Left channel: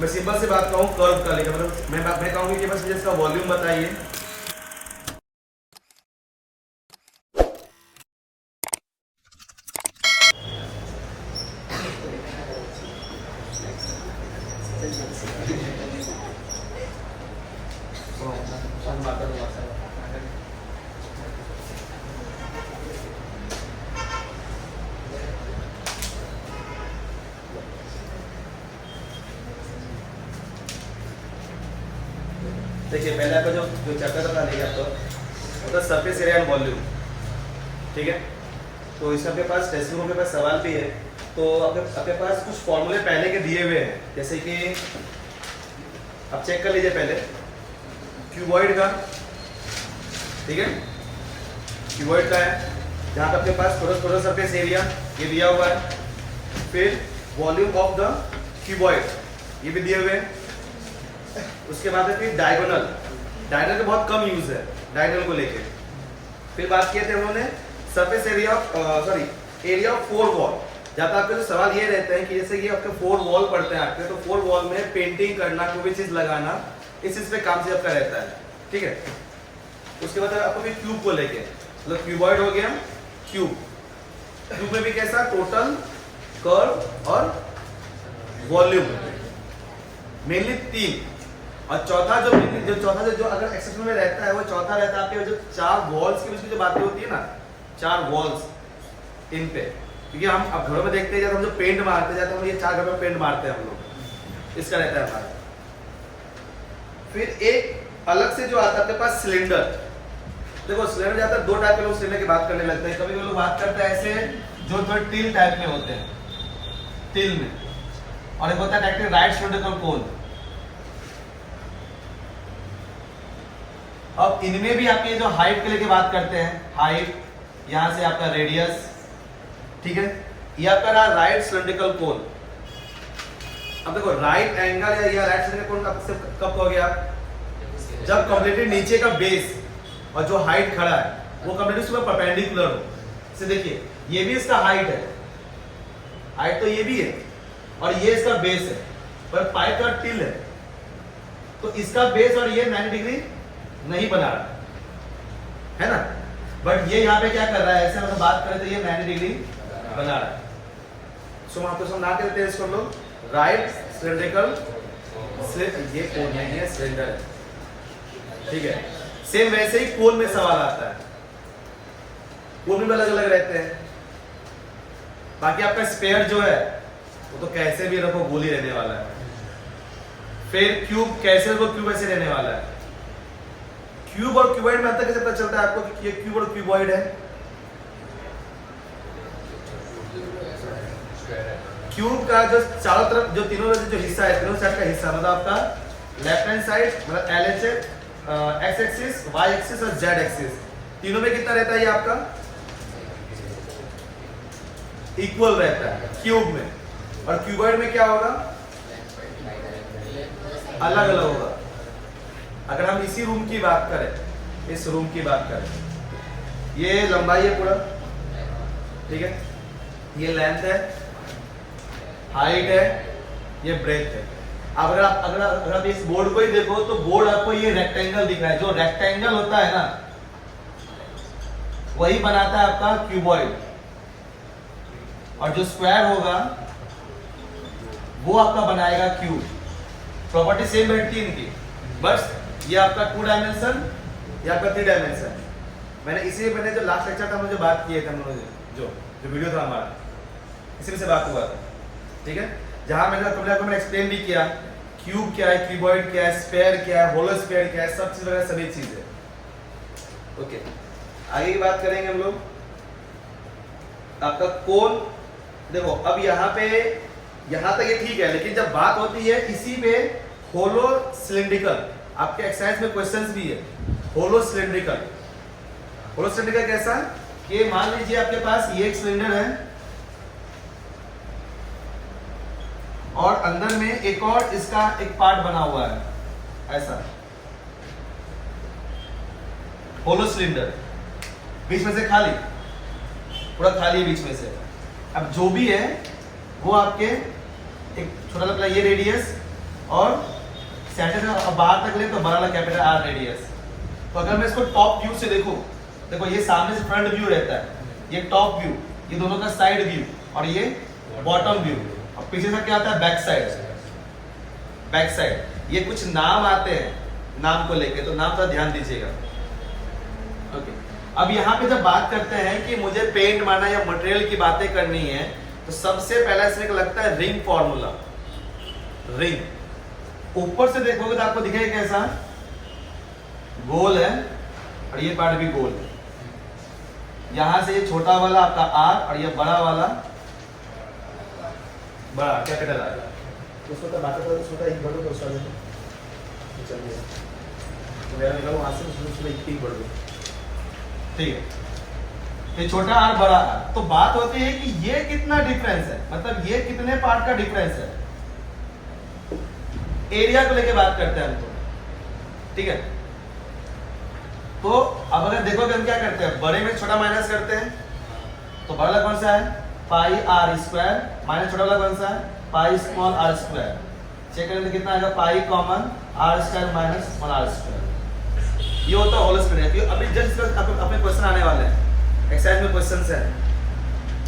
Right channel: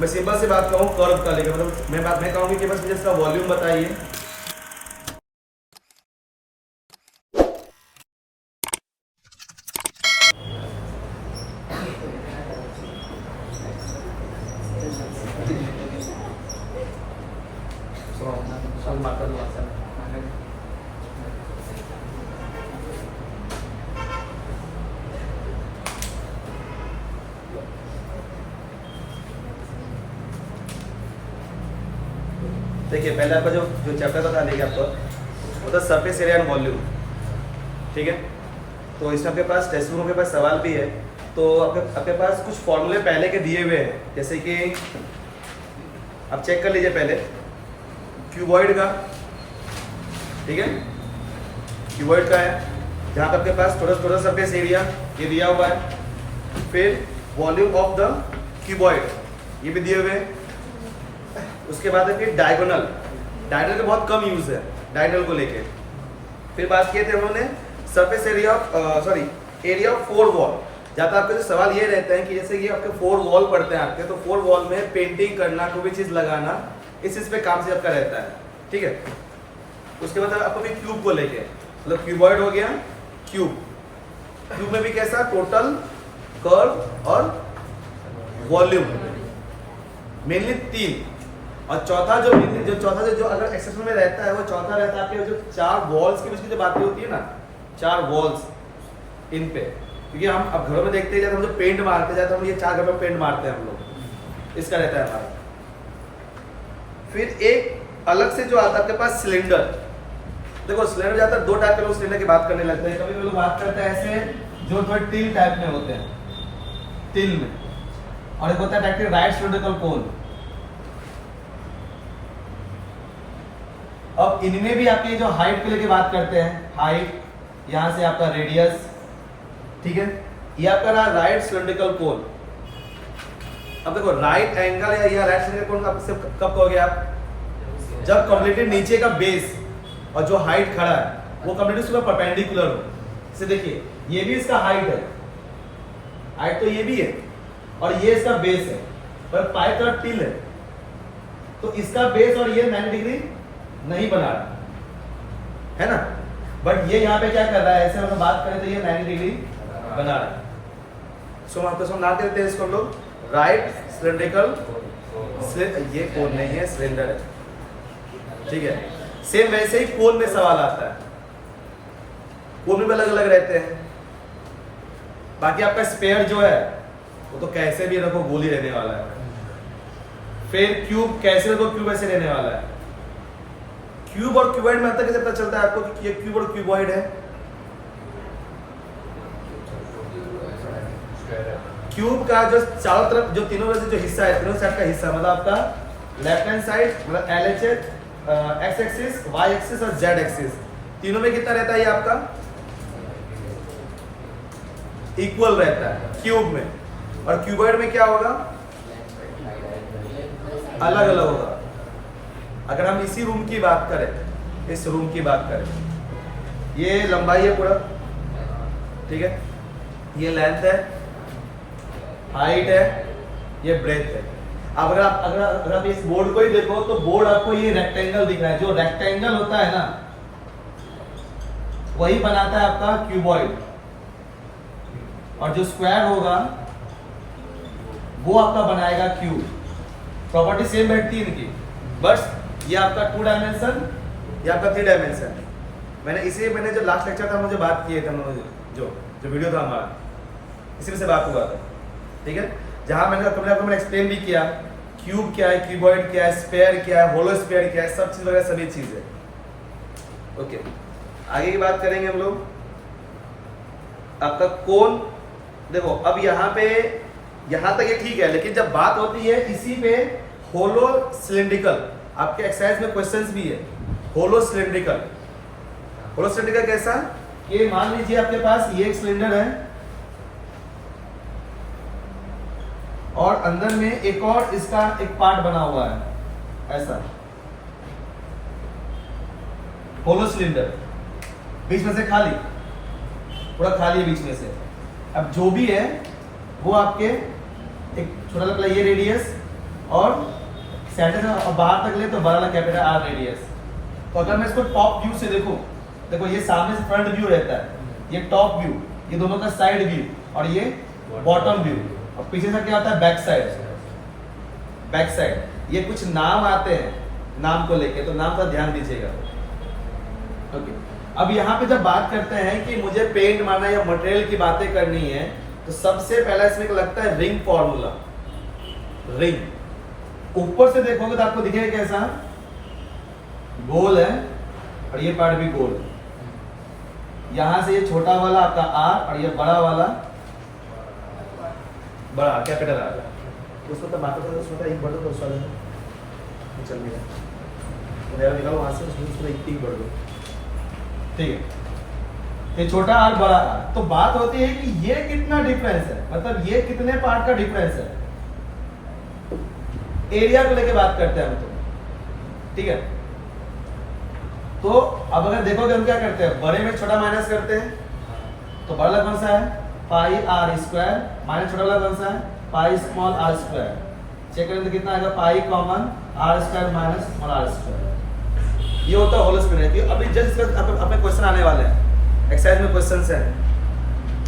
मैं सिंपल से बात कहूँ कर्व का लेकर, मतलब मैं कहूँगी कि बस मुझे इसका वॉल्यूम बताइए। देखिए पहले आपका जो जो चैप्टर बता देंगे आपको मतलब सरफेस एरिया एंड वॉल्यूम, ठीक है। तो इसमें आपके पास टेक्स्ट बुक के पास सवाल भी है, तो आपके पास कुछ फॉर्मूले पहले के दिए हुए हैं, जैसे कि आप चेक कर लीजिए पहले क्यूबॉइड का, ठीक है। क्यूबॉइड का है जहाँ पे आपके पास थोड़ा सरफेस एरिया ये दिया हुआ है, फिर वॉल्यूम ऑफ द क्यूबॉइड ये भी दिए हुए हैं। उसके बाद है फिर डायगोनल का बहुत कम यूज है डायगोनल को लेके। फिर बात किए थे उन्होंने surface area area of 4 wall, जहाँ पे आपके जो सवाल ये रहते हैं कि जैसे कि आपके 4 वॉल पड़ते हैं आपके, तो 4 वॉल में पेंटिंग करना, कोई भी चीज लगाना, इस चीज पे काम से आपका रहता है, ठीक है। उसके बाद आपको भी क्यूब को लेके, मतलब क्यूबॉइड हो गया, क्यूब में भी कैसा टोटल, कर्व और वॉल्यूम, मेनली 3। और चौथा जो अगर एक्सेप्शन में रहता है वो चौथा रहता है आपके जो 4 वॉल्स के बीच में जो बातें होती है ना, 4 वॉल्स इन पे, क्योंकि हम अब घरों में देखते हैं जब हम जो पेंट मारते जाते हैं, हम ये 4 घर पे पेंट मारते हैं हम लोग, इसका रहता है हमारा। फिर एक अलग से जो आता है आपके पास सिलेंडर। देखो सिलेंडर जाता है 2 टाइप के लोग सिलेंडर की बात करने लगते हैं। कभी लोग बात करते हैं ऐसे जो टिल टाइप में होते हैं, टिल में, और एक होता है राइट सिलेंड्रिकल कोन। अब इनमें भी आपके जो हाइट के लेके बात करते हैं, हाइट यहां से आपका रेडियस, ठीक है, ये आपका रहा राइट सिलेंड्रिकल कोन। अब देखो राइट एंगल या राइट सिलेंड्रिकल कोन कब कहोगे आप, जब कंप्लीटली नीचे का बेस और जो हाइट खड़ा है वो कंप्लीटली उसके परपेंडिकुलर हो। जैसे देखिए ये भी इसका हाइट है, हाइट तो ये भी है, और ये इसका बेस है, पर पाइप का टिल है, तो इसका बेस और ये 90 डिग्री नहीं बना रहा है ना, बट ये यहाँ पे क्या कर रहा है, ऐसे अगर बात करें तो ये 90 डिग्री बना रहा है। सो हम आपको समझा देते हैं इसको लोग राइट सिलेंड्रिकल, ये कोन नहीं है, सिलेंडर है, ठीक है। सेम वैसे ही कोन में सवाल आता है, कोन में अलग अलग रहते हैं। बाकी आपका स्पेयर जो है वो तो कैसे भी रखो गोली रहने वाला है। फिर क्यूब कैसे रखो, क्यूब ऐसे रहने वाला है। क्यूब और क्यूबॉइड में अंतर कैसे पता चलता है आपको कि ये क्यूब और क्यूबॉइड है। क्यूब का जो चारों तरफ जो तीनों जो हिस्सा है, तीनों साइड का हिस्सा, मतलब आपका लेफ्ट हैंड साइड मतलब LHS, X axis, Y axis और जेड एक्सिस, तीनों में कितना रहता है ये आपका इक्वल रहता है क्यूब में। और क्यूबॉइड में क्या होगा, अलग अलग होगा। अगर हम इसी रूम की बात करें, इस रूम की बात करें, ये लंबाई है पूरा, ठीक है, ये लेंथ है, हाइट है, ये ब्रेथ है। अब अगर आप इस बोर्ड को ही देखो तो बोर्ड आपको ये रेक्टेंगल दिख रहा है, जो रेक्टेंगल होता है ना वही बनाता है आपका क्यूबॉइड, और जो स्क्वायर होगा वो आपका बनाएगा क्यूब। प्रॉपर्टी सेम बैठती है इनकी, बस ये आपका 2 डायमेंशन, ये आपका 3 डायमेंशन। मैंने जो लास्ट लेक्चर था मुझे बात किए थे हम लोगों ने, जो वीडियो था हमारा, इसी में से बात हुआ था, ठीक है, जहां मैंने एक्सप्लेन भी किया क्यूब क्या है, क्यूबॉइड क्या है, स्फेयर क्या है, होलो स्फेयर क्या है, सब चीज वगैरह सभी चीजें। ओके, आगे की बात करेंगे हम लोग। आपका कोन देखो, अब यहाँ तक ये ठीक है, लेकिन जब बात होती है इसी पे होलो सिलिंड्रिकल, आपके एक्सरसाइज में क्वेश्चंस भी है होलो सिलिंड्रिकल। होलो सिलिंड्रिकल कैसा, ये मान लीजिए आपके पास ये एक सिलेंडर है और अंदर में एक और इसका एक पार्ट बना हुआ है, ऐसा होलो सिलेंडर, बीच में से खाली, पूरा खाली है बीच में से। अब जो भी है वो आपके एक छोटा सा ये रेडियस और सेंटर से बाहर तक ले तो बड़ा वाला कैपिटल आर रेडियस। तो अगर मैं इसको टॉप व्यू से देखूं, देखो ये सामने से फ्रंट व्यू रहता है, ये टॉप व्यू, ये दोनों का साइड व्यू, और ये बॉटम व्यू, और पीछे से क्या आता है बैक साइड। बैक साइड ये कुछ नाम आते हैं नाम को लेके, तो नाम का ध्यान दीजिएगा। ओके, अब यहाँ पे जब बात करते हैं कि मुझे पेंट मारना या मटेरियल की बातें करनी है, तो सबसे पहला इसमें लगता है रिंग फॉर्मूला। रिंग ऊपर से देखोगे तो आपको दिखेगा कैसा, गोल है और ये पार्ट भी गोल है। यहां से ये छोटा वाला आपका आर और ये बड़ा वाला बड़ा कैपिटल आर। उसको तो बात करता है, छोटा एक बढ़ दो तो चल गया, तो मेरा निकालो वहां से, उसमें एक बढ़ दो, ठीक है। तो छोटा आर बड़ा आर, तो बात होती है कि ये कितना डिफरेंस है, मतलब ये कितने पार्ट का डिफरेंस है, एरिया को लेके बात करते हैं हम, तो ठीक है। तो अब अगर देखोगे हम क्या करते हैं, बड़े में छोटा माइनस करते हैं, तो बड़ा कौन सा है पाई आर स्क्वायर, माइनस छोटा वाला कौन सा है pi small R square. Check करें तो कितना आएगा, pi common R square minus small R square. ये होता है होल स्क्वायर। अभी जस्ट अपने क्वेश्चन आने वाले हैं, एक्सरसाइज में क्वेश्चंस है,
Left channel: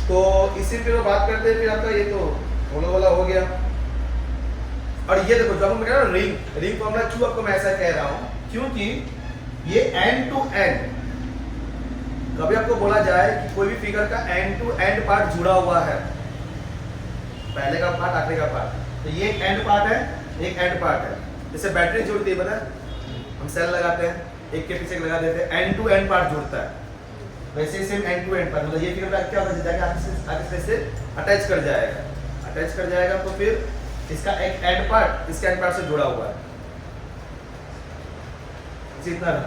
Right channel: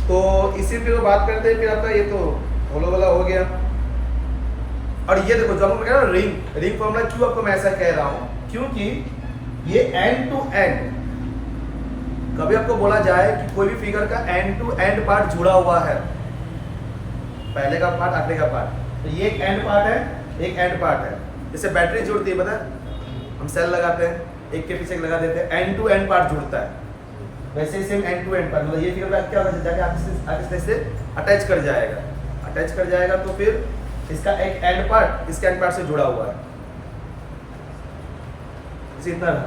तो इसी पे बात करते हैं। फिर आपका ये तो होलो वाला हो गया। और ये देखो जो मैं कह रहा हूँ रिंग फॉर्मूला, क्यों आपको मैं ऐसा कह रहा हूँ, क्योंकि ये एंड टू एंड, कभी आपको बोला जाए कि कोई भी फिगर का एंड टू एंड पार्ट जुड़ा हुआ है, पहले का पार्ट आखिरी का पार्ट, तो ये एक एंड पार्ट है, एक एंड पार्ट है। जैसे बैटरी जुड़ती है, पता है हम सेल लगाते हैं, एक के पीछे एक लगा देते हैं, एंड टू एंड पार्ट जुड़ता है। वैसे ही same end to end part, मतलब ये फिगर क्या होगा, जाके आगे से अटैच कर जाएगा, अटैच कर जाएगा, तो फिर इसका एक एंड पार्ट इसके एंड पार्ट से जुड़ा हुआ है, इतना ना,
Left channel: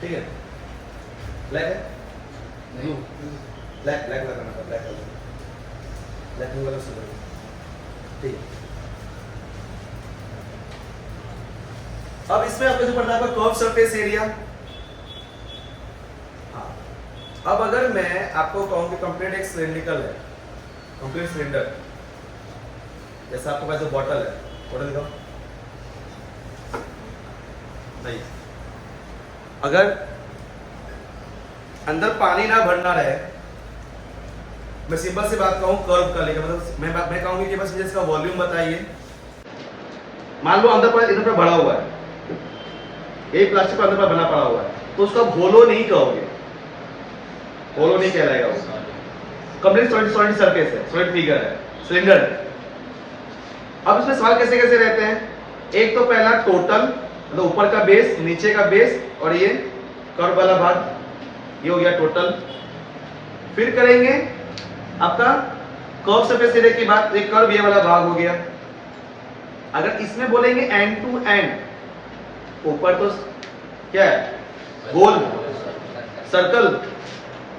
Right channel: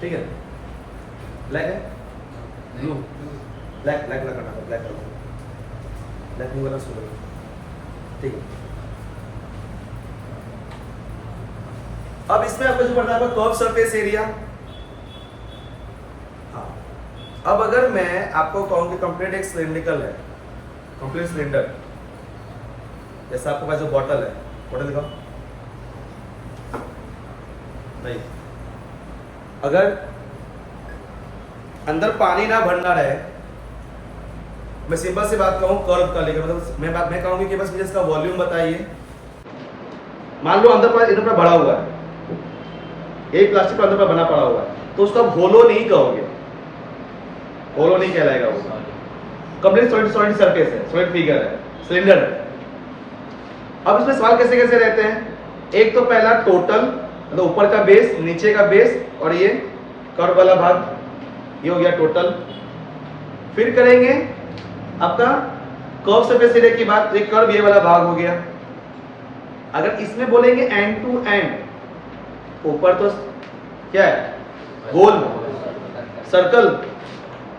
ठीक है। ब्लैक है, ब्लू, ब्लैक ब्लैक वाला करना, ब्लैक वाला, ब्लैक ब्लू वाला सुन, ठीक। अब इसमें आपको जो पढ़ना है कर्व सरफेस एरिया। हाँ, अब अगर मैं आपको कहूं कि कंप्लीट एक सिलिंड्रिकल है, कंप्लीट सिलेंडर, जैसा आपके पास जो बॉटल है, बॉटल दिखाओ नहीं, अगर अंदर पानी ना भरना रहे, मैं सिंपल सी बात कहूं कर्व का लेकर, मतलब मैं कहूंगी कि बस मुझे इसका वॉल्यूम बताइए। मान लो अंदर पर इधर पर भरा हुआ है, यही प्लास्टिक का अंदर पर बना पड़ा हुआ है, तो उसका होलो नहीं कहोगे, होलो नहीं कहलाएगा वो, कंप्लीट सॉलिड सरफेस है, सॉलिड फिगर है, सिलेंडर है। अब इसमें सवाल कैसे कैसे रहते हैं, एक तो पहला टोटल, मतलब ऊपर का बेस, नीचे का बेस, और ये कर्व वाला भाग, ये हो गया टोटल। फिर करेंगे आपका कर्व सरफेस एरिया की बात, तो एक कर्व ये वाला भाग हो गया। अगर इसमें बोलेंगे एंड टू एंड, ऊपर तो क्या है गोल सर्कल,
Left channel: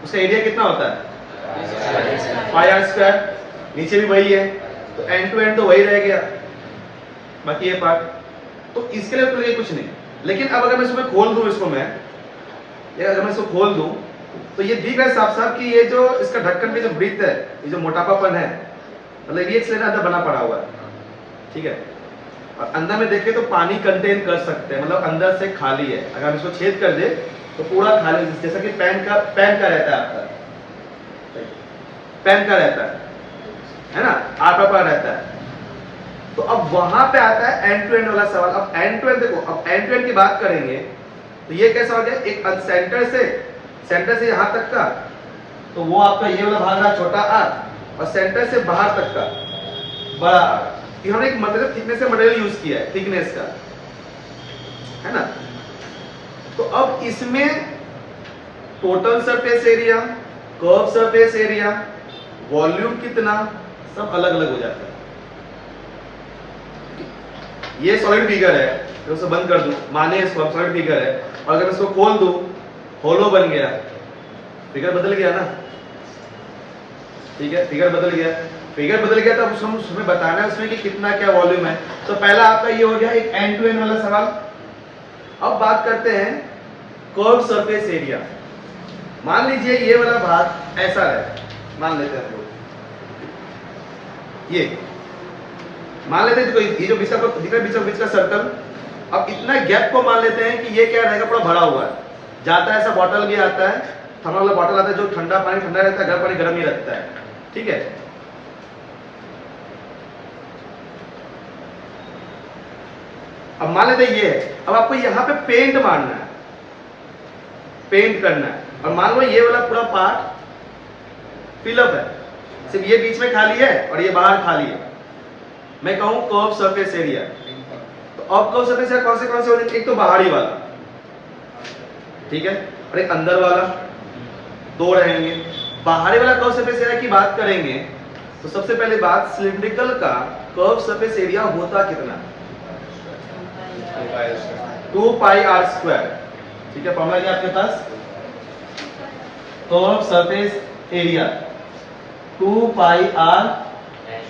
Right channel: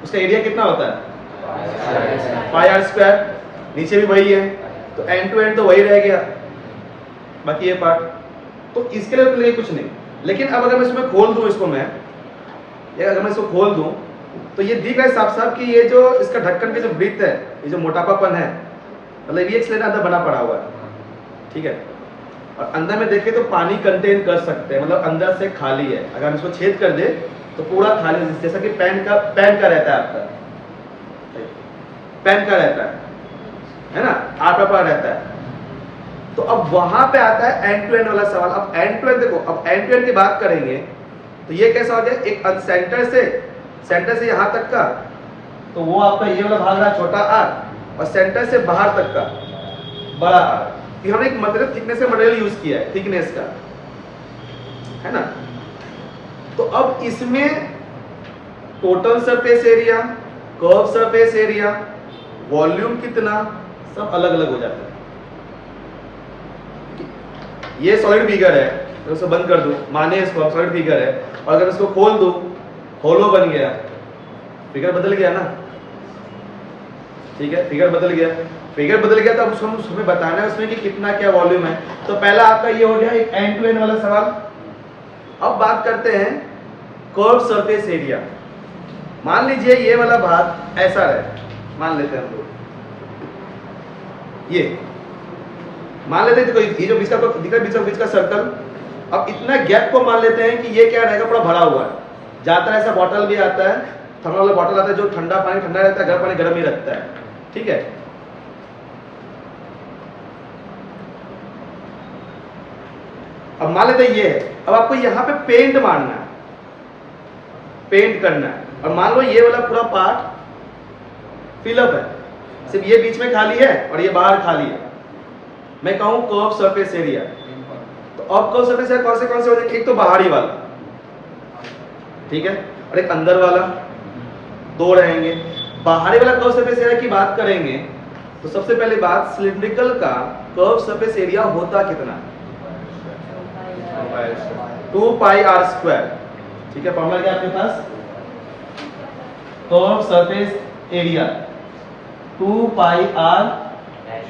उसका एरिया कितना होता है पाई आर स्क्वायर, नीचे भी वही है, तो एंड टू एंड तो वही रह गया, बाकी ये पार्ट, तो इसके लिए तो लिए कुछ नहीं। लेकिन अब अगर मैं इसमें खोल दूं, इसको मैं, या अगर मैं इसको खोल दूं, तो ये दिख रहा है साफ साफ कि ये जो इसका ढक्कन की जो ब्रीथ है, ये जो मोटापापन है, मतलब ये एक सिलेंडर अंदर बना पड़ा हुआ है, ठीक है। और अंदर में देखें तो पानी कंटेन कर सकते हैं, मतलब अंदर से खाली है। अगर हम इसको छेद कर दे तो पूरा खाली, जैसा कि पैन का रहता है आपका, पैन का रहता है ना, आप पर रहता है। तो अब वहां पे आता है एंड टू एंड वाला सवाल। अब एंड टू एंड देखो, अब एंड टू एंड की बात करेंगे तो ये कैसा हो गया, एक सेंटर से यहां तक का, तो वो आपका ये वाला भाग रहा छोटा आर, और सेंटर से बाहर तक का बड़ा आर। हमने एक मतलब थिकनेस का मटेरियल यूज किया है, थिकनेस का, है ना। तो अब इसमें total surface area, curve surface area, volume कितना, सब अलग अलग हो जाता है। ये सॉलिड फिगर है, तो उसे बंद कर दूं, माने इसको सॉलिड फिगर है, और अगर इसको खोल दूं, होलो बन गया, फिगर बदल गया ना, ठीक है, फिगर बदल गया, तो अब हमें बताना है उसमें कि कितना क्या वॉल्यूम है। तो पहला आपका ये हो गया एक एंड टू एंड वाला सवाल। अब बात करते हैं कर्व सरफेस एरिया। मान लीजिए ये वाला भाग ऐसा रहे, मान लेते हैं हम लोग, ये मान लेते हैं देखो ये जो बीच का दिख रहा है बीच का सर्कल, अब इतना गैप को मान लेते हैं कि ये क्या रहेगा, पूरा भरा हुआ है। जाता है ऐसा बॉटल भी आता है, थर्मल वाला बॉटल आता है जो ठंडा पानी ठंडा रहता है, गर्म पानी गर्म ही रखता है, ठीक है। अब मान लेते हैं ये है, अब आपको यहाँ पे पेंट मारना है, पेंट करना है, और मान लो ये वाला पूरा पार्ट फिलअप है, सिर्फ ये बीच में खाली है और ये बाहर खाली है। मैं कहूं कर्व सरफेस एरिया, तो अब कर्व सरफेस एरिया कौन से हो जाएंगे, एक तो बाहरी वाला, ठीक है, और एक अंदर वाला, दो रहेंगे। बाहरी वाला कर्व सरफेस एरिया की बात करेंगे तो सबसे पहले बात, सिलिंड्रिकल का कर्व सरफेस एरिया होता कितना, 2 पाई आर स्क्वायर, ठीक है। फॉर्मूला क्या आपके पास, curve surface area 2 pi R H,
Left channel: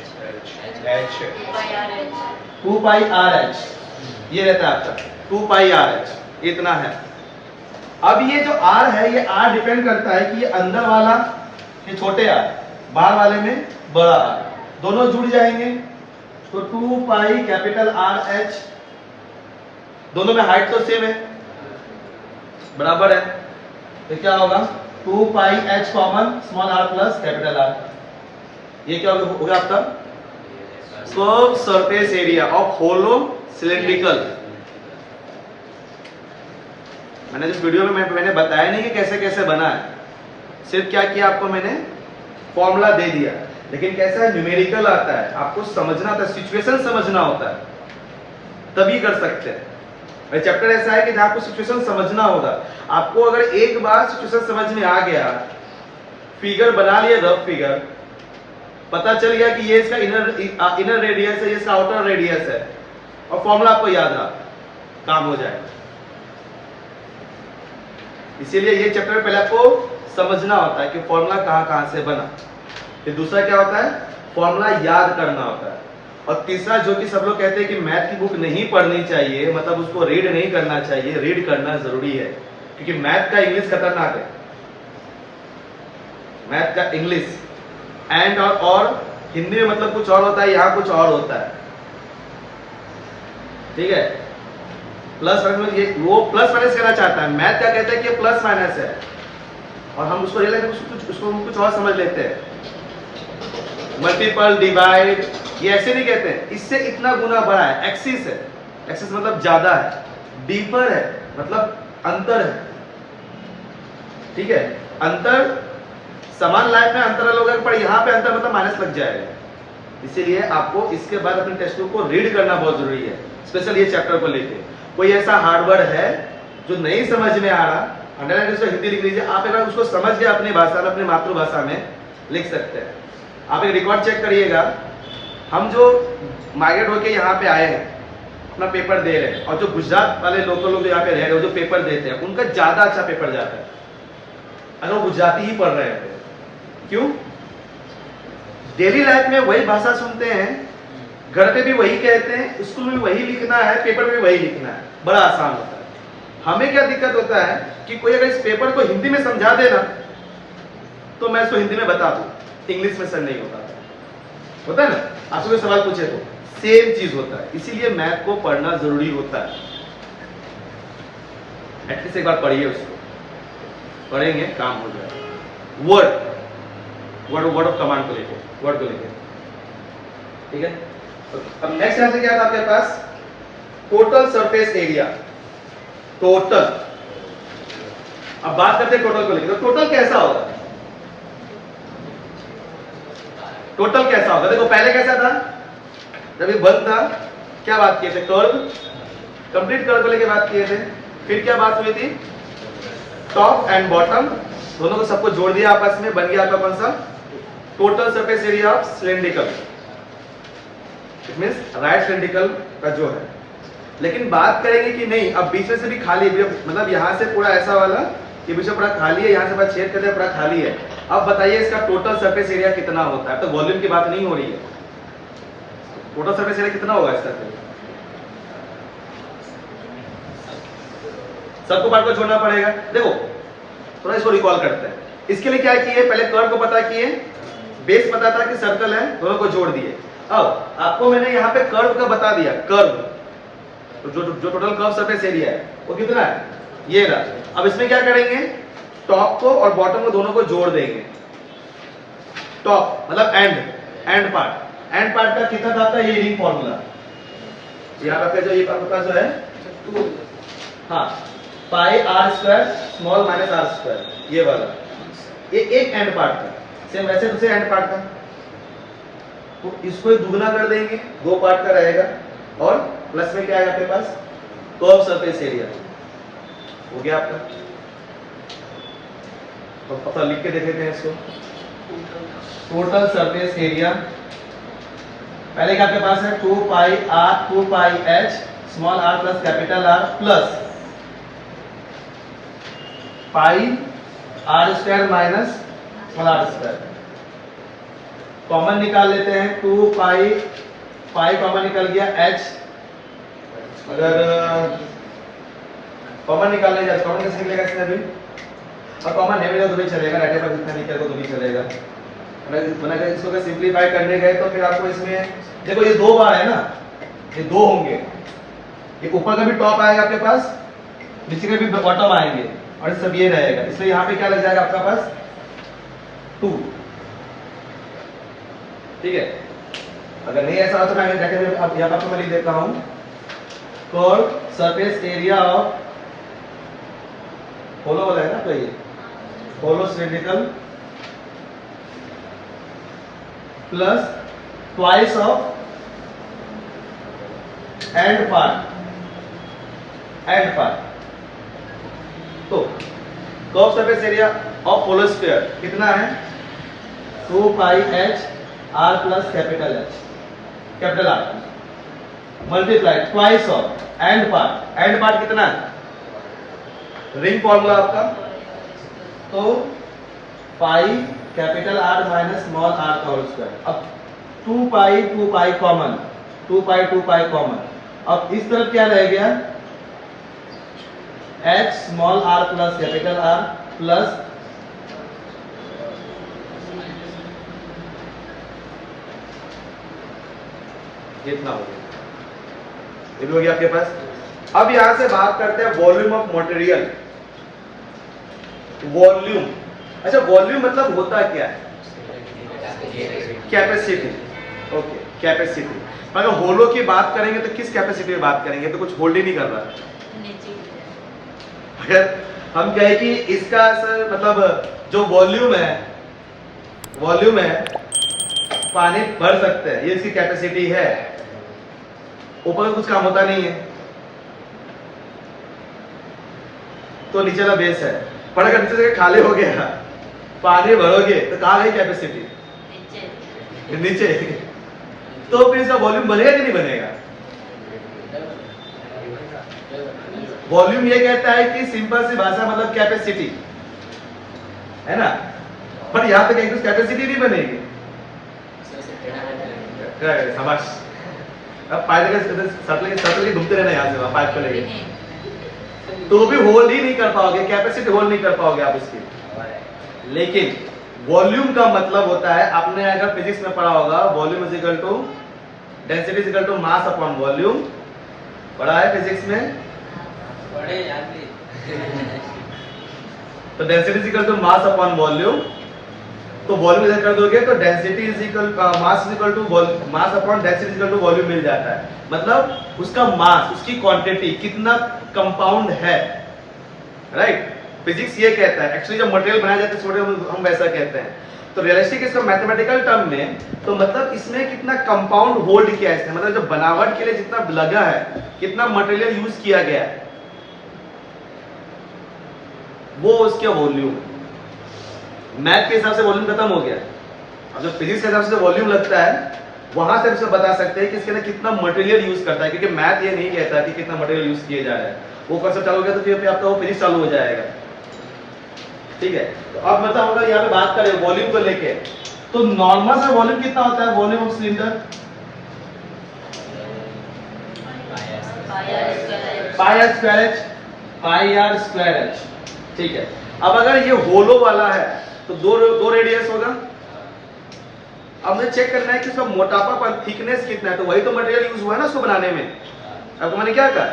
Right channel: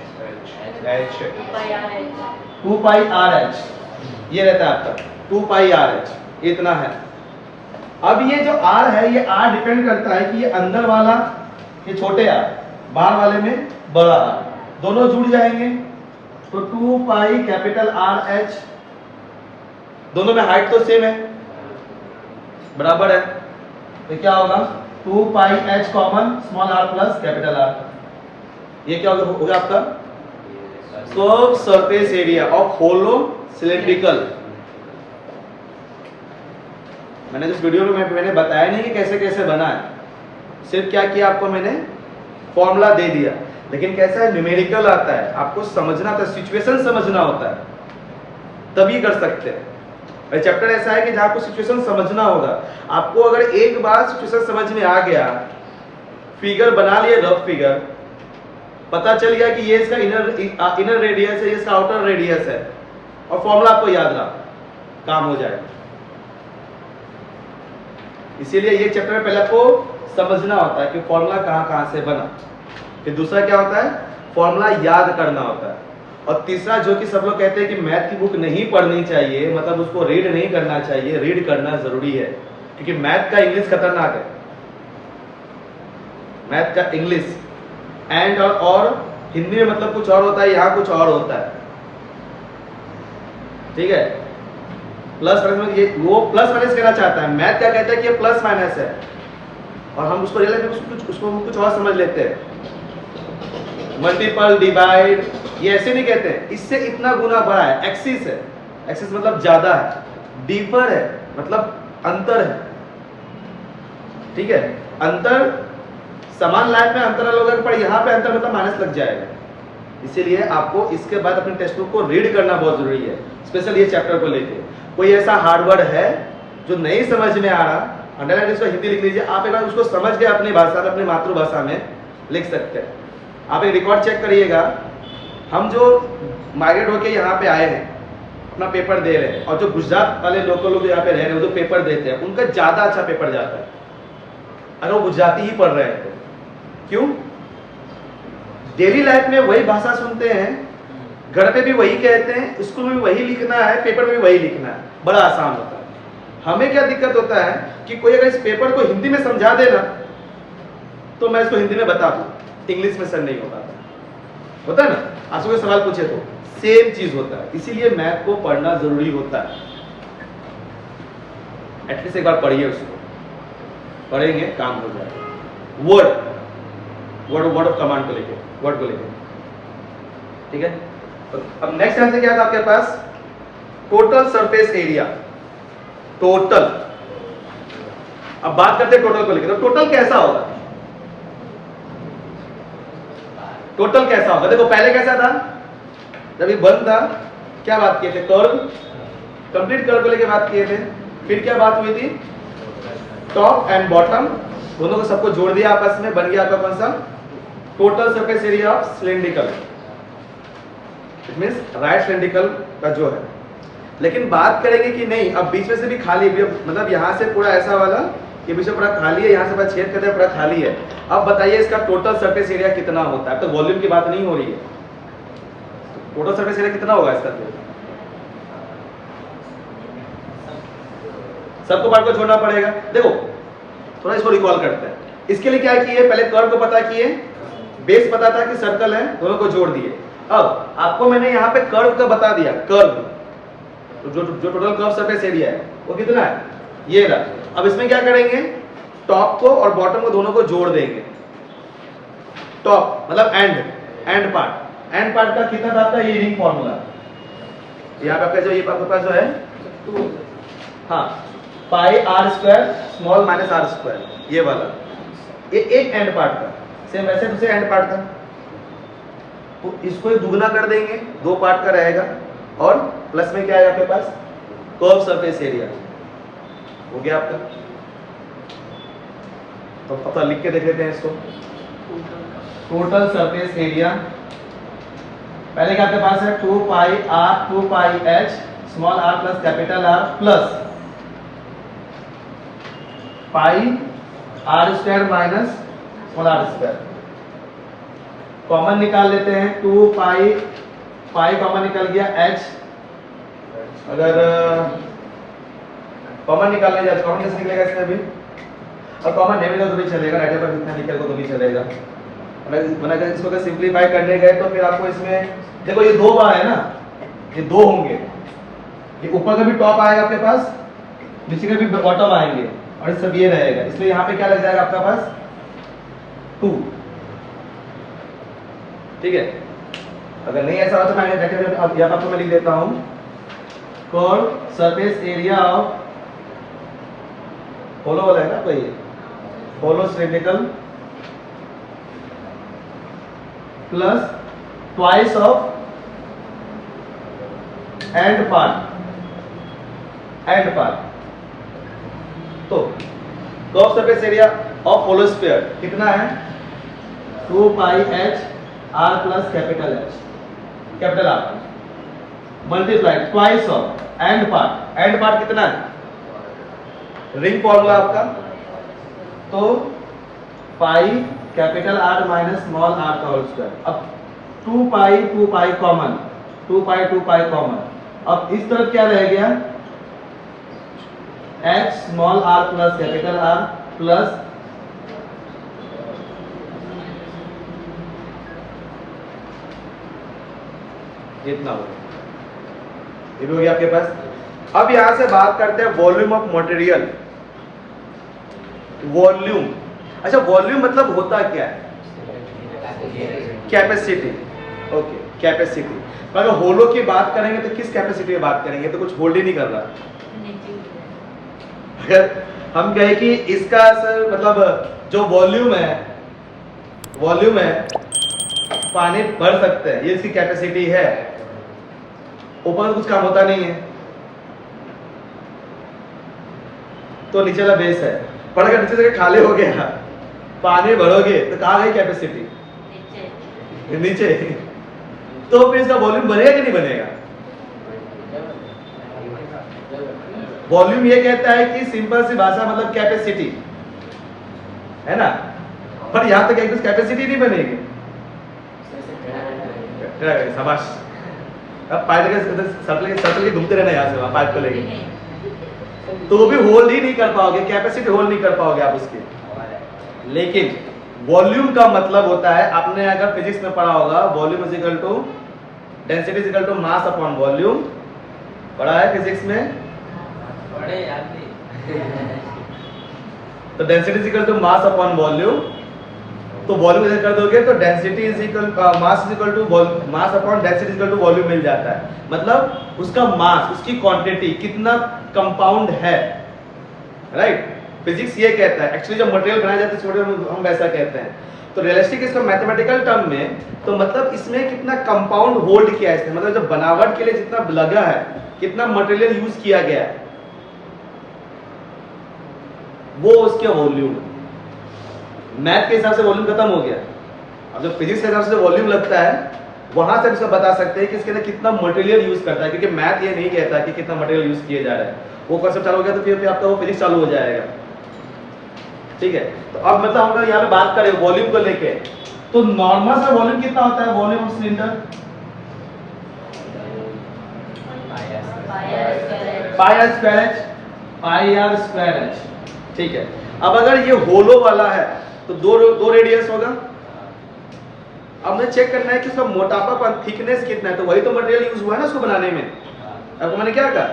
2 pi R H, ये रहता है आपका 2 पाई आर एच, इतना है। अब ये जो आर है, ये आर डिपेंड करता है कि ये अंदर वाला ये छोटे आर, बाहर वाले में बड़ा आर, दोनों जुड़ जाएंगे तो 2 पाई कैपिटल आर एच, दोनों में हाइट तो सेम है, बराबर है, तो क्या होगा 2 pi H common small R plus capital R, ये क्या हो गया आपका curve surface area of hollow cylindrical. मैंने जिस वीडियो में मैंने बताया नहीं कि कैसे कैसे बना है, सिर्फ क्या किया आपको मैंने फॉर्मूला दे दिया, लेकिन कैसा है न्यूमेरिकल आता है, आपको समझना होता है, सिचुएशन समझना होता है, तभी कर सकते हैं। चैप्टर ऐसा है कि जहां आपको सिचुएशन समझना होगा। आपको अगर एक बार सिचुएशन समझ में आ गया, फिगर बना लिए, रफ फिगर पता चल गया कि ये इसका इनर रेडियस है, ये इसका आउटर रेडियस है, और फॉर्मूला आपको याद रहा, काम हो जाएगा। इसीलिए ये चैप्टर में पहले आपको समझना होता है कि फॉर्मूला कहां से बना, फिर दूसरा क्या होता है, फॉर्मूला याद करना होता है, और तीसरा जो कि सब लोग कहते हैं कि मैथ की बुक नहीं पढ़नी चाहिए, मतलब उसको रीड नहीं करना चाहिए, रीड करना जरूरी है, क्योंकि मैथ का इंग्लिश खतरनाक है। मैथ का इंग्लिश एंड और हिंदी में मतलब कुछ और होता है, यहां कुछ और होता है, ठीक है। प्लस माइनस, ये वो प्लस माइनस कहना चाहता है, मैथ क्या कहता है कि ये प्लस माइनस है, और हम उसको रियलाइज उसको कुछ और समझ लेते हैं। मल्टीपल, डिवाइड, ये ऐसे नहीं कहते हैं, इससे इतना गुना बड़ा है, एक्सिस है, एक्सिस मतलब ज्यादा है, डीपर है मतलब अंतर है, ठीक है। अंतर समान लाइन में अंतर अलग होगा, पर यहाँ पे अंतर मतलब माइनस लग जाएगा। इसीलिए आपको इसके बाद अपने टेक्स्ट बुक को रीड करना बहुत जरूरी है, स्पेशल ये चैप्टर को लेके। कोई ऐसा हार्ड वर्ड है जो नहीं समझ में आ रहा, अंडरलाइन इसको हिंदी लिख लीजिए, आप एक बार उसको समझ के अपनी भाषा में, अपनी मातृभाषा में लिख सकते हैं। आप एक रिकॉर्ड चेक करिएगा, हम जो माइग्रेट होके यहाँ पे आए हैं, अपना पेपर दे रहे हैं, और जो गुजरात वाले लोकल लोग यहाँ पे रह रहे हैं, जो पेपर देते हैं, उनका ज्यादा अच्छा पेपर जाता है अगर वो गुजराती ही पढ़ रहे हैं तो। क्यों? डेली लाइफ में वही भाषा सुनते हैं, घर पे भी वही कहते हैं, स्कूल में भी वही लिखना है, पेपर में भी वही लिखना है, बड़ा आसान होता है। हमें क्या दिक्कत होता है कि कोई अगर इस पेपर को हिंदी में समझा देना तो मैं इसको हिंदी में बता दूं, इंग्लिश में सर नहीं हो पाता, होता है ना। आपसे कोई सवाल पूछे तो सेम चीज होता है, इसीलिए मैथ को पढ़ना जरूरी होता है। एटलीस्ट एक बार पढ़िए, उसको पढ़ेंगे काम हो जाएगा। वर्ड ऑफ कमांड को लेके, वर्ड को लेके, ठीक है। अब नेक्स्ट आंसर क्या था आपके पास, टोटल सरफेस एरिया, टोटल। अब बात करते हैं टोटल को लेकर, तो टोटल कैसा होगा, टोटल कैसा होगा। देखो पहले कैसा था, जब ये बंद था क्या बात किए थे, कर्व, कंप्लीट कर्व को लेकर बात किए थे। फिर क्या बात हुई थी, टॉप एंड बॉटम दोनों को सबको जोड़ दिया आपस में, बन गया आपका कौन सा, total surface area of cylindrical, it means right cylindrical का जो है। लेकिन बात करेंगे कि नहीं, अब बीच में से भी खाली, मतलब यहां से पूरा ऐसा वाला, ये बीच में पूरा खाली है, यहां से पूरा छेद करते पूरा खाली है। अब बताइए इसका टोटल सरफेस एरिया कितना होता है। तो वॉल्यूम की बात नहीं हो रही है, टोटल सरफेस एरिया कितना होगा इसका, फिर सबको पार्ट को जोड़ना पड़ेगा। देखो थोड़ा इसको रिकॉल करते हैं। इसके लिए क्या किए, पहले कर्व को पता किए, बेस पता था कि सर्कल है, दोनों को जोड़ दिए। अब आपको मैंने यहाँ पे कर्व का बता दिया, कर्व जो टोटल कर्व सरफेस एरिया है वो कितना है, ये रहा। अब इसमें क्या करेंगे, टॉप को और बॉटम को दोनों को जोड़ देंगे। टॉप मतलब एंड पार्ट का कितना था आपका, ये रिंग फॉर्मूला यहाँ पे आपका जो ये आपके पास जो है, हाँ, pi R square small minus R square, ये वाला, ये एक एंड पार्ट का। सेम वैसे दूसरे एंड पार्ट का, तो इसको दुगना कर देंगे, 2 पार्ट का रहेगा, और प्लस में क्या है आपके पास, कर्व सरफेस एरिया हो गया आपका। तो पता लिख के देख लेते हैं इसको, टोटल सरफेस एरिया पहले क्या आपके पास है, 2 pi R 2 pi H small R plus capital R plus pi R square minus small R square. Common निकाल लेते हैं, 2 पाई कॉमन निकल गया, एच अगर कॉमन निकालने जाए, कॉमन कैसे निकलेगा इसमें भी, और कॉमन नहीं मिलेगा तो भी चलेगा, राइट पर कितना निकलेगा तो भी चलेगा। अगर इसको अगर सिंप्लीफाई करने गए तो फिर आपको इसमें देखो ये 2 बार है ना, ये 2 होंगे, ये ऊपर का भी टॉप आएगा आपके पास, नीचे का भी बॉटम आएंगे, और सब ये रहेगा, इसलिए यहाँ पे क्या लग जाएगा आपका पास 2, ठीक है। अगर नहीं ऐसा हो तो मैं अब यहाँ पर मैं लिख देता हूँ, curve surface area of hollow वाला है ना, तो ये hollow cylindrical plus twice of end part. तो curve surface area of hollow sphere कितना है, 2 pi H R plus capital R multiply twice of end part कितना है, रिंग फॉर्मूला आपका, तो pi capital R minus small R का whole square. अब 2 pi common, 2 pi common, अब इस तरफ क्या रह गया, H small R plus capital R plus इतना हो गया, ये हो गया आपके पास। अब यहां से बात करते हैं वॉल्यूम ऑफ मटेरियल। वॉल्यूम, अच्छा वॉल्यूम मतलब होता क्या है, कैपेसिटी, ओके कैपेसिटी। अगर होलो की बात करेंगे तो किस कैपेसिटी में बात करेंगे, तो कुछ होल्ड ही नहीं कर रहा। अगर हम कहें कि इसका मतलब जो वॉल्यूम है पानी भर सकते हैं, ये इसकी कैपेसिटी है, ऊपर कुछ काम होता नहीं है, तो नीचे वाला बेस है। पर अगर नीचे से खाली हो गया, पानी भरोगे तो कहाँ गई कैपेसिटी, नीचे। तो फिर इसका वॉल्यूम बनेगा कि नहीं बनेगा। वॉल्यूम ये कहता है कि सिंपल सी भाषा मतलब कैपेसिटी है ना, पर यहां तक एक कैपेसिटी नहीं बनेगी। शाबाश, अब पाइप सर्कल के घूमते रहना यहाँ से वहां पाइप को लेके, तो वो भी होल्ड ही नहीं कर पाओगे, कैपेसिटी होल्ड नहीं कर पाओगे आप उसकी। लेकिन वॉल्यूम का मतलब होता है, आपने अगर फिजिक्स में पढ़ा होगा, volume is equal to density is equal to mass upon volume, पढ़ा है फिजिक्स में। तो density is equal to mass upon volume, तो वॉल्यूम इधर कर दोगे तो density is equal mass is equal to mass upon density is equal to volume मिल जाता है। मतलब उसका मास, उसकी क्वांटिटी कितना कंपाउंड है, राइट। फिजिक्स ये कहता है, एक्चुअली जब मटेरियल बनाया जाता है हम वैसा कहते हैं, तो रियलिस्टिक इसको मैथमेटिकल टर्म में, तो मतलब इसमें कितना कंपाउंड होल्ड किया है इसने, मतलब जो बनावट के लिए जितना लगा है, कितना मटेरियल यूज किया गया है, वो उसके वॉल्यूम। मैथ के हिसाब से वॉल्यूम खत्म हो गया, अब जो फिजिक्स के हिसाब से वॉल्यूम लगता है, वहां से हम बता सकते हैं कि इसके अंदर कितना मटेरियल यूज करता है, क्योंकि मैथ ये नहीं कहता कि कितना मटेरियल यूज किया जा रहा है। वो कॉन्सेप्ट चालू हो गया तो फिर आपका वो फिजिक्स चालू हो जाएगा, ठीक है। तो अब मतलब हम यहाँ पे बात करें वॉल्यूम को लेके, तो नॉर्मल से वॉल्यूम कितना होता है, volume of cylinder pi R square H, ठीक है। अब अगर ये होलो वाला है तो दो रेडियस होगा, अब मुझे चेक करना है कि उसका मोटापापन थिकनेस कितना है, तो वही तो मटेरियल यूज हुआ है ना उसको बनाने में। अब तो मैंने क्या कहा,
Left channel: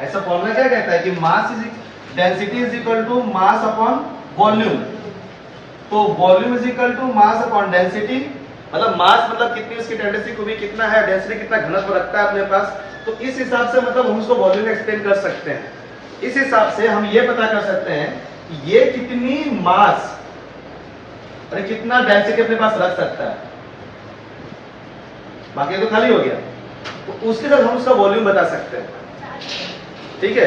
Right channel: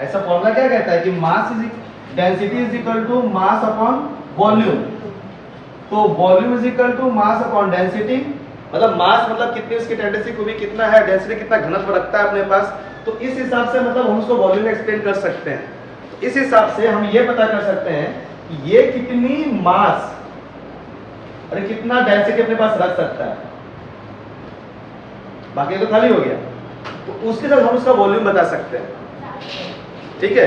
ऐसा फॉर्मूला क्या कहता है कि mass is density is equal to mass upon volume. तो volume is equal to mass upon density, मतलब मास मतलब कितनी उसकी टेंडेंसी को भी कितना है, डेंसिटी कितना घनत्व रखता है अपने पास। तो इस हिसाब से मतलब हम उसको वॉल्यूम में एक्सप्लेन कर सकते हैं। तो इस हिसाब से हम ये पता कर सकते हैं कि ये कितनी मास और कितना डेंसिटी अपने पास रख सकता है। बाकी तो खाली हो गया, तो उसके साथ हम उसका वॉल्यूम बता सकते हैं। ठीक है,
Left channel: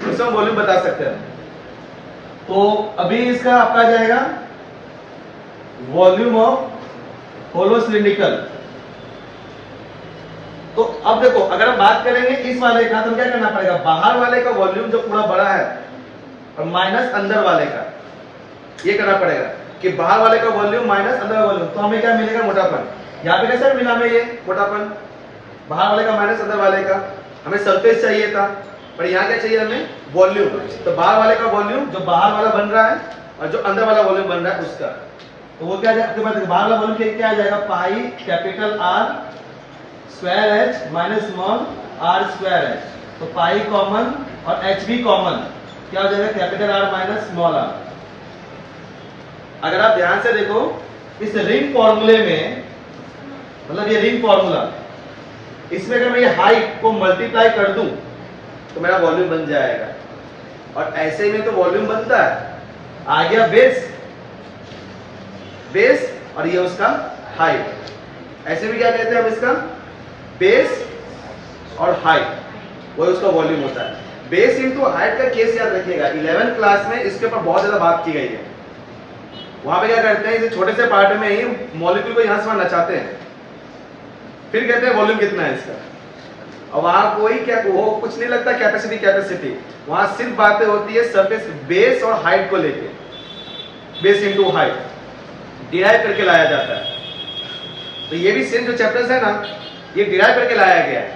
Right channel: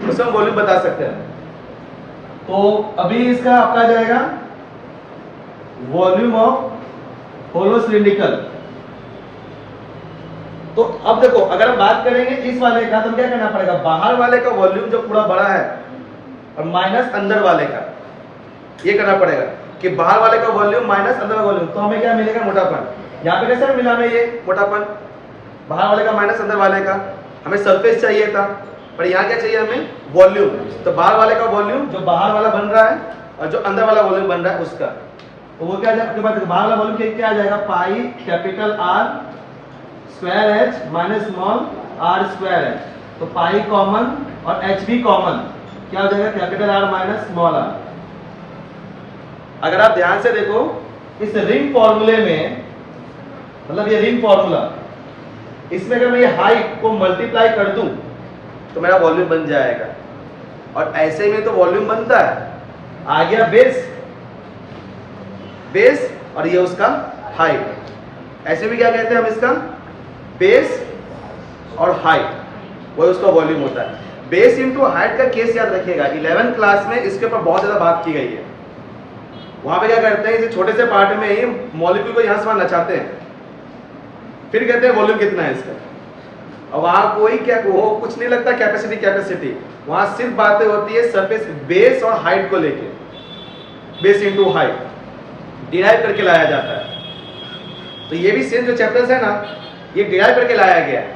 उससे हम वॉल्यूम बता सकते हैं। तो अभी इसका आपका जाएगा वॉल्यूम ऑफ होलो सिलिंड्रिकल। तो अब देखो, अगर हम बात करेंगे इस वाले का, तो क्या करना पड़ेगा, बाहर वाले का वॉल्यूम जो पूरा बड़ा है और माइनस अंदर वाले का, ये करना पड़ेगा कि बाहर वाले का वॉल्यूम माइनस अंदर वाला वॉल्यूम, तो हमें क्या मिलेगा, मोटापन। यहाँ पे कैसे मिला हमें ये मोटापन, बाहर वाले का माइनस अंदर वाले का। हमें सरफेस चाहिए था, पर यहाँ क्या चाहिए हमें, वॉल्यूम। तो बाहर वाले का वॉल्यूम जो बाहर वाला बन रहा है और जो अंदर वाला वॉल्यूम बन रहा है उसका, तो वो क्या आपके पास बाहर वाला वॉल्यूम क्या आ जाएगा, pi capital R square H minus small R square H. तो पाई कॉमन और एच भी कॉमन, क्या हो जाएगा, capital R minus small R. अगर आप ध्यान से देखो इस रिंग फॉर्मूले में, मतलब ये रिंग फॉर्मूला, इसमें अगर मैं ये हाइट को मल्टीप्लाई कर दूं तो मेरा वॉल्यूम बन जाएगा। और ऐसे में तो वॉल्यूम बनता है, आ गया बेस, बेस और ये उसका हाइट। ऐसे भी क्या कहते हैं हम इसका, बेस और हाइट, वही उसका वॉल्यूम होता है। बेस इंटू हाइट का केस याद रखिएगा, 11th क्लास में इसके ऊपर बहुत ज्यादा बात की गई है। वहां पे क्या करते हैं, इसे छोटे से पार्ट में ही मॉलिक्यूल को यहां से वहां नचाते हैं, फिर कहते हैं वॉल्यूम कितना है इसका। और वहां कोई क्या वो कुछ नहीं लगता कैपेसिटी, कैपेसिटी वहां सिर्फ बातें होती है सरफेस बेस और हाइट को लेके, बेस इंटू हाइट डिराइव करके लाया जाता है। तो ये भी सेम जो चैप्टर्स है ना, ये डिराइव करके लाया गया है।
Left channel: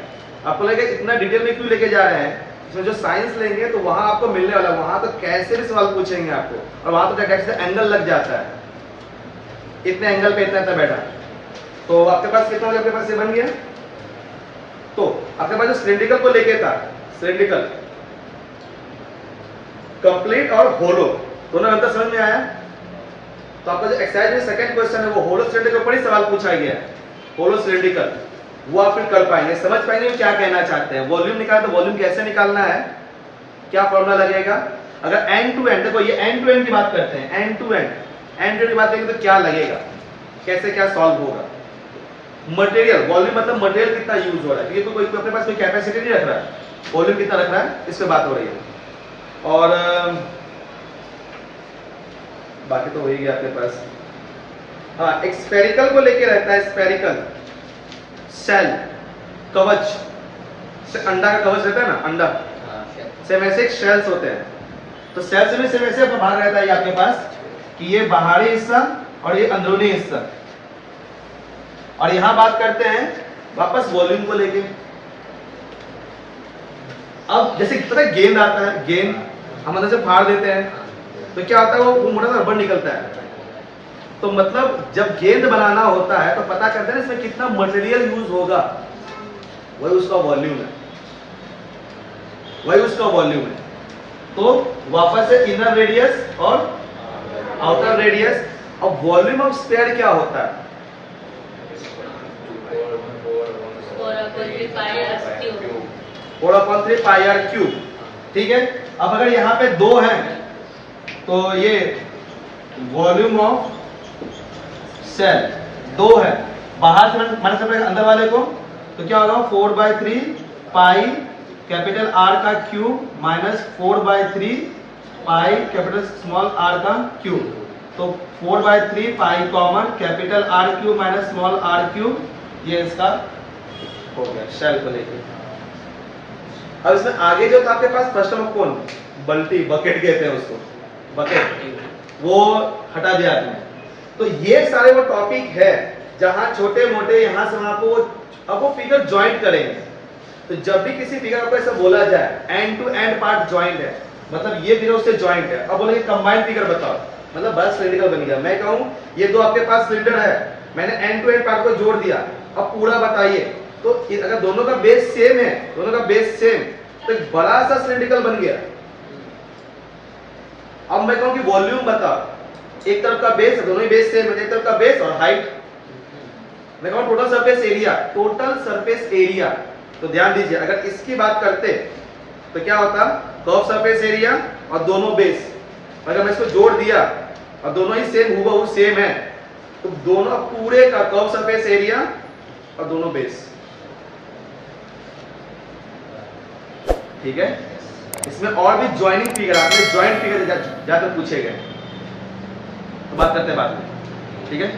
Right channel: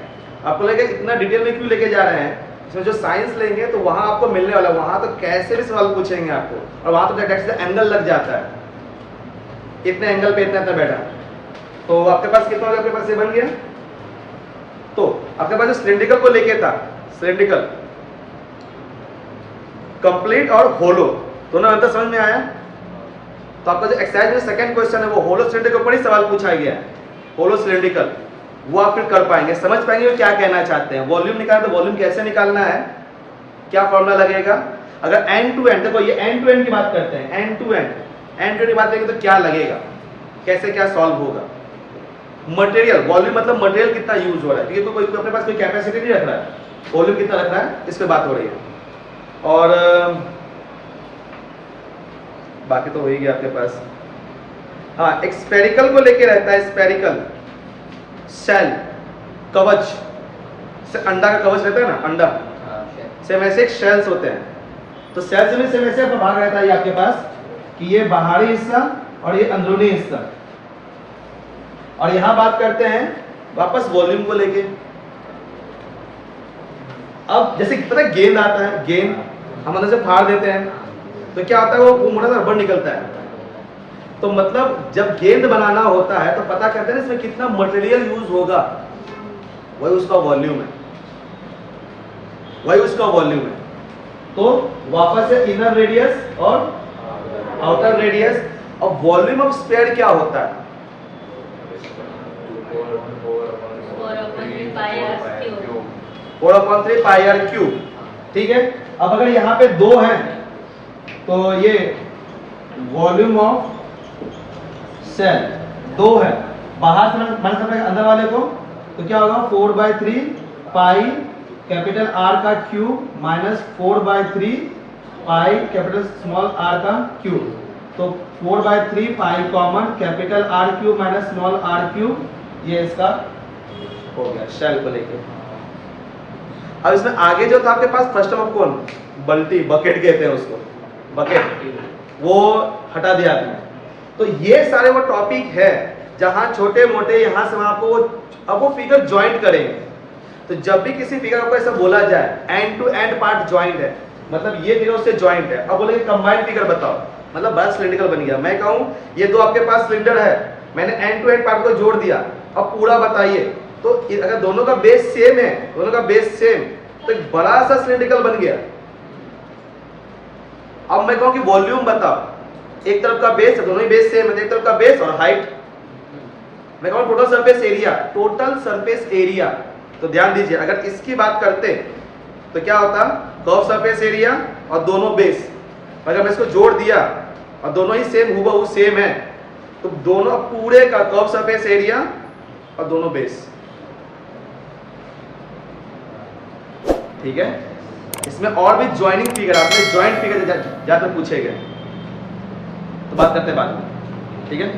आपको लगेगा इतना डिटेल में क्यों लेके जा रहे हैं, इसमें जो साइंस लेंगे तो वहां आपको मिलने वाला, वहां तो कैसे भी सवाल पूछेंगे आपको, और वहां तो डायरेक्ट से एंगल लग जाता है, इतने एंगल पे इतना बैठा। तो आपके पास कितना हो गया, आपके पास ये बन गया। तो आपके पास जो सिलिंड्रिकल को लेके था, सिलिंड्रिकल कंप्लीट और होलो दोनों अंतर समझ में आया। तो आपका जो एक्सरसाइज में सेकंड क्वेश्चन है वो होलो सिलिंड्रिकल के ऊपर ही सवाल पूछा गया है, होलो सिलिंड्रिकल, वो आप फिर कर पाएंगे, समझ पाएंगे वो क्या कहना चाहते हैं। वॉल्यूम निकालना, तो वॉल्यूम कैसे निकालना है, क्या फॉर्मूला लगेगा। अगर एंड टू एंड, देखो ये एंड टू एंड की बात करते हैं, एंड टू एंड की बात करेंगे तो क्या लगेगा, कैसे क्या सॉल्व होगा। मटेरियल, वॉल्यूम मतलब मटेरियल कितना यूज हो रहा है, क्योंकि तो कोई अपने पास कोई कैपेसिटी नहीं रख रहा है, वॉल्यूम कितना रख रहा है इस पे बात हो रही है। और बाकी तो हो ही गया आपके पास। हाँ, एक स्फेरिकल को लेके रहता है, स्फेरिकल सेल कवच से, अंडा का कवच रहता है ना, अंडा से वैसे एक शेल्स होते हैं। तो सेल से भी सेम वैसे आपका भाग रहता है ये आपके पास कि ये बाहरी हिस्सा और ये अंदरूनी हिस्सा। और यहां बात करते हैं वापस वॉल्यूम को लेके। अब जैसे पता है गेंद आता है, गेंद हम अंदर से फाड़ देते हैं तो क्या होता है, वो मोटा सा रबड़ निकलता है। तो मतलब जब गेंद बनाना होता है तो पता करते हैं इसमें कितना मटेरियल यूज होगा, वही उसका वॉल्यूम है, वही उसका वॉल्यूम है। तो वापस से इनर रेडियस और आउटर रेडियस। और वॉल्यूम ऑफ स्फीयर क्या होता है, 4/3 पाई आर क्यूब। ठीक है, अब अगर यहाँ पे दो है तो ये वॉल्यूम ऑफ सेल दो है, बाहर से माइनस अंदर वाले को, तो क्या होगा 4/3 पाई कैपिटल आर का cube minus 4/3 pi capital small R का क्यूब। तो 4/3 pi common, capital R cube minus small R cube, ये इसका हो गया शेल को लेके। अब इसमें आगे जो था आपके पास फर्स्ट ऑफ कौन, बल्टी, बकेट कहते हैं उसको, बकेट, वो हटा दिया आपने। तो ये सारे वो टॉपिक है जहां छोटे मोटे यहां से वहां को अब वो फिगर ज्वाइंट करेंगे। तो जब भी किसी फिगर को ऐसा बोला जाए end to end part joint है, मतलब ये फिगर उससे ज्वाइंट है। अब बोलेंगे कंबाइंड फिगर बताओ, मतलब बड़ा सिलिंड्रिकल बन गया। मैं कहूं ये दो आपके पास सिलेंडर है, मैंने एंड टू एंड पार्ट को जोड़ दिया, अब पूरा बताइए। तो अगर दोनों का बेस सेम है, दोनों का बेस सेम, तो एक बड़ा सा सिलिंड्रिकल बन गया। अब मैं कहूं कि वॉल्यूम बताओ, एक तरफ का बेस है, दोनों ही बेस सेम है, एक तरफ का बेस और हाइट। मैं कहूं total surface area, total surface area. तो ध्यान दीजिए, अगर इसकी बात करते तो क्या होता, कर्व सरफेस एरिया और दोनों बेस। अगर मैं इसको जोड़ दिया और दोनों ही सेम हूबहू सेम है, तो दोनों पूरे का कर्व सरफेस एरिया और दोनों बेस। ठीक है, इसमें और भी ज्वाइनिंग फिगर, आपने ज्वाइंट फिगर ज्यादा पूछे गए, तो बात करते हैं बाद में। ठीक है।